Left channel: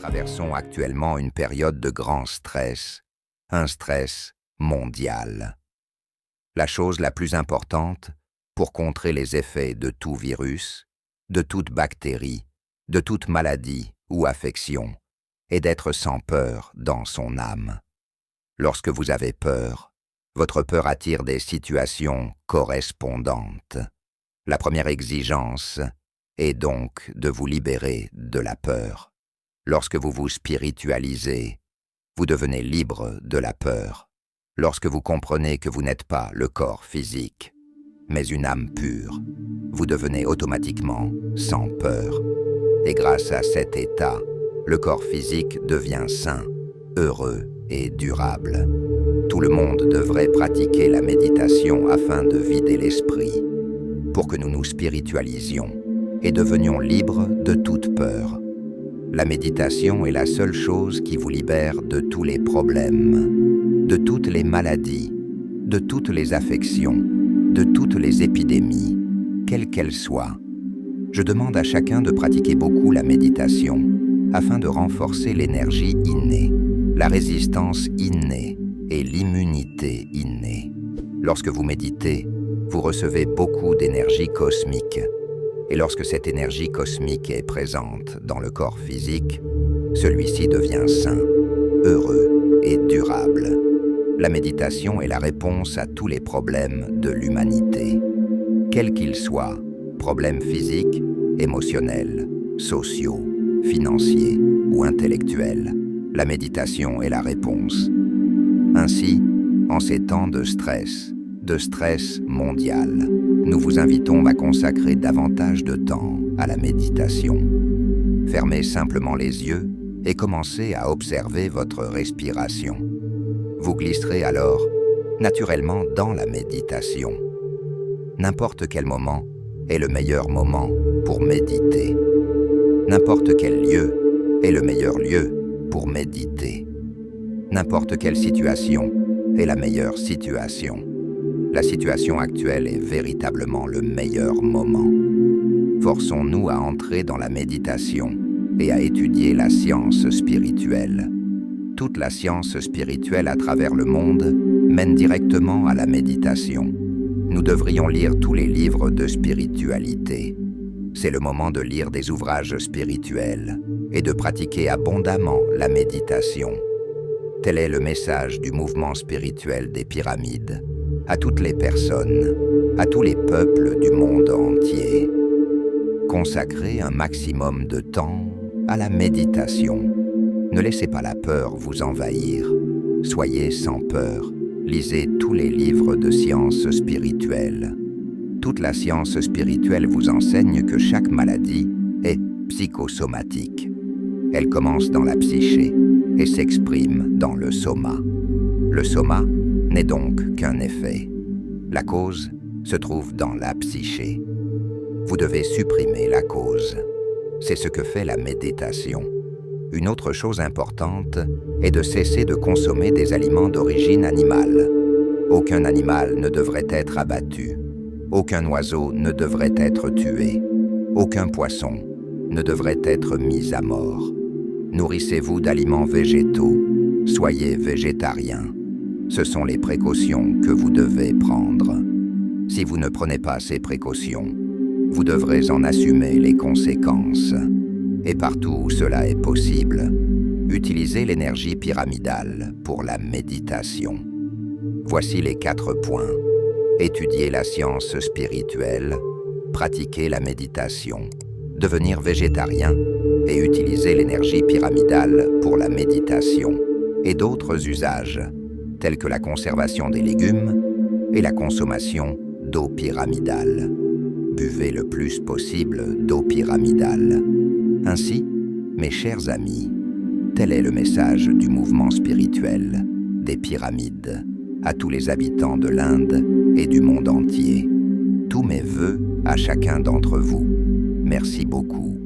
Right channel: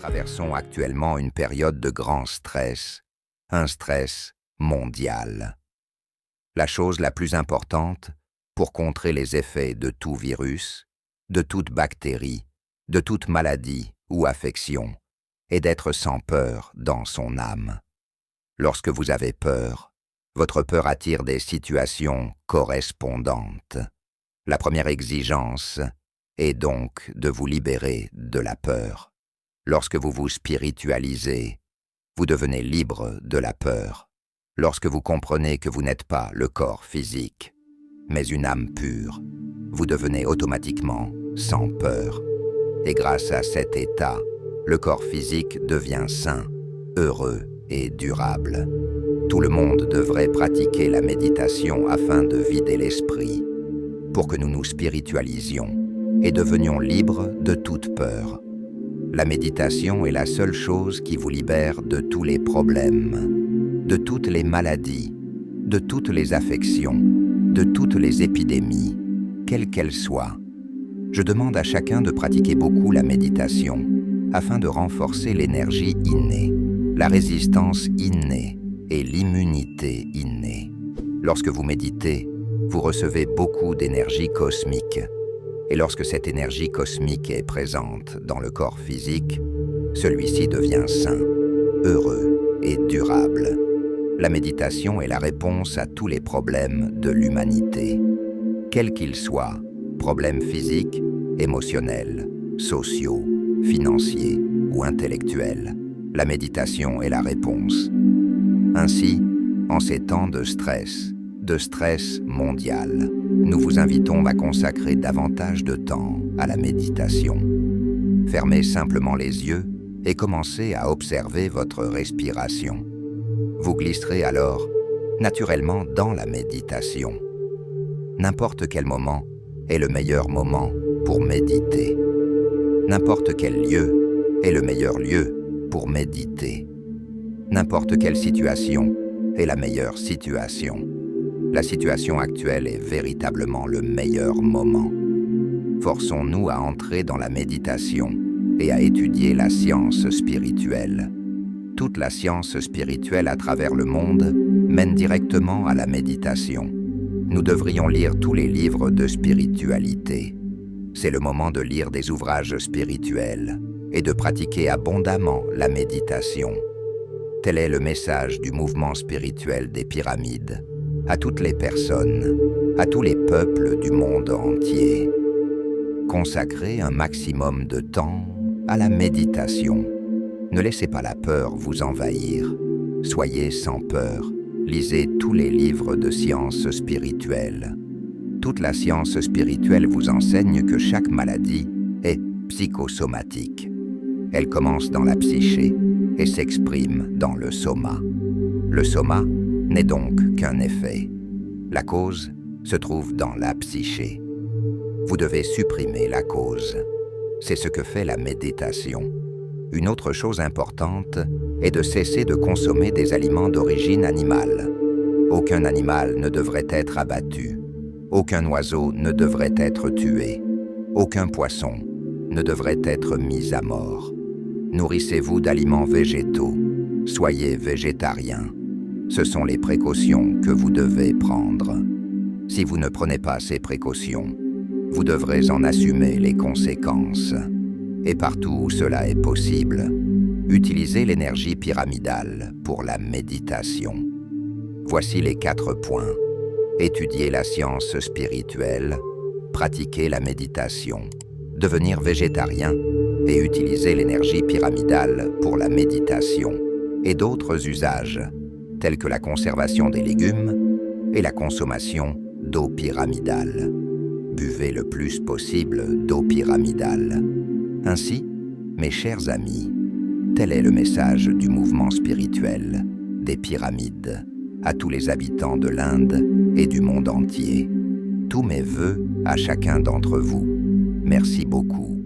traversons actuellement une période de grand stress, un stress mondial. La chose la plus importante pour contrer les effets de tout virus, de toute bactérie, de toute maladie ou affection, est d'être sans peur dans son âme. Lorsque vous avez peur, votre peur attire des situations correspondantes. La première exigence est donc de vous libérer de la peur. Lorsque vous vous spiritualisez, vous devenez libre de la peur. Lorsque vous comprenez que vous n'êtes pas le corps physique, mais une âme pure, vous devenez automatiquement sans peur. Et grâce à cet état, le corps physique devient sain, heureux et durable. Tout le monde devrait pratiquer la méditation afin de vider l'esprit, pour que nous nous spiritualisions et devenions libres de toute peur. La méditation est la seule chose qui vous libère de tous les problèmes, de toutes les maladies, de toutes les affections, de toutes les épidémies, quelles qu'elles soient. Je demande à chacun de pratiquer beaucoup la méditation afin de renforcer l'énergie innée, la résistance innée et l'immunité innée. Lorsque vous méditez, vous recevez beaucoup d'énergie cosmique. Et lorsque cette énergie cosmique est présente dans le corps physique, celui-ci devient sain, heureux et durable. La méditation est la réponse à tous les problèmes de l'humanité. Quels qu'ils soient, problèmes physiques, émotionnels, sociaux, financiers ou intellectuels, la méditation est la réponse. Ainsi, en ces temps de stress mondial, nous vous invitons à consacrer davantage de temps à la méditation. Fermez simplement les yeux et commencez à observer votre respiration. Vous glisserez alors naturellement dans la méditation. N'importe quel moment est le meilleur moment pour méditer. N'importe quel lieu est le meilleur lieu pour méditer. N'importe quelle situation est la meilleure situation. La situation actuelle est véritablement le meilleur moment. Forçons-nous à entrer dans la méditation et à étudier la science spirituelle. Toute la science spirituelle à travers le monde mène directement à la méditation. Nous devrions lire tous les livres de spiritualité. C'est le moment de lire des ouvrages spirituels et de pratiquer abondamment la méditation. Tel est le message du mouvement spirituel des pyramides. À toutes les personnes, à tous les peuples du monde entier. Consacrez un maximum de temps à la méditation. Ne laissez pas la peur vous envahir. Soyez sans peur. Lisez tous les livres de science spirituelle. Toute la science spirituelle vous enseigne que chaque maladie est psychosomatique. Elle commence dans la psyché et s'exprime dans le soma. Le soma n'est donc qu'un effet. La cause se trouve dans la psyché. Vous devez supprimer la cause. C'est ce que fait la méditation. Une autre chose importante est de cesser de consommer des aliments d'origine animale. Aucun animal ne devrait être abattu. Aucun oiseau ne devrait être tué. Aucun poisson ne devrait être mis à mort. Nourrissez-vous d'aliments végétaux. Soyez végétarien. Ce sont les précautions que vous devez prendre. Si vous ne prenez pas ces précautions, vous devrez en assumer les conséquences. Et partout où cela est possible, utilisez l'énergie pyramidale pour la méditation. Voici les 4 points. Étudier la science spirituelle, pratiquer la méditation, devenir végétarien et utiliser l'énergie pyramidale pour la méditation et d'autres usages, tels que la conservation des légumes et la consommation d'eau pyramidale. Buvez le plus possible d'eau pyramidale. Ainsi, mes chers amis, tel est le message du mouvement spirituel des pyramides à tous les habitants de l'Inde et du monde entier. Tous mes vœux à chacun d'entre vous. Merci beaucoup.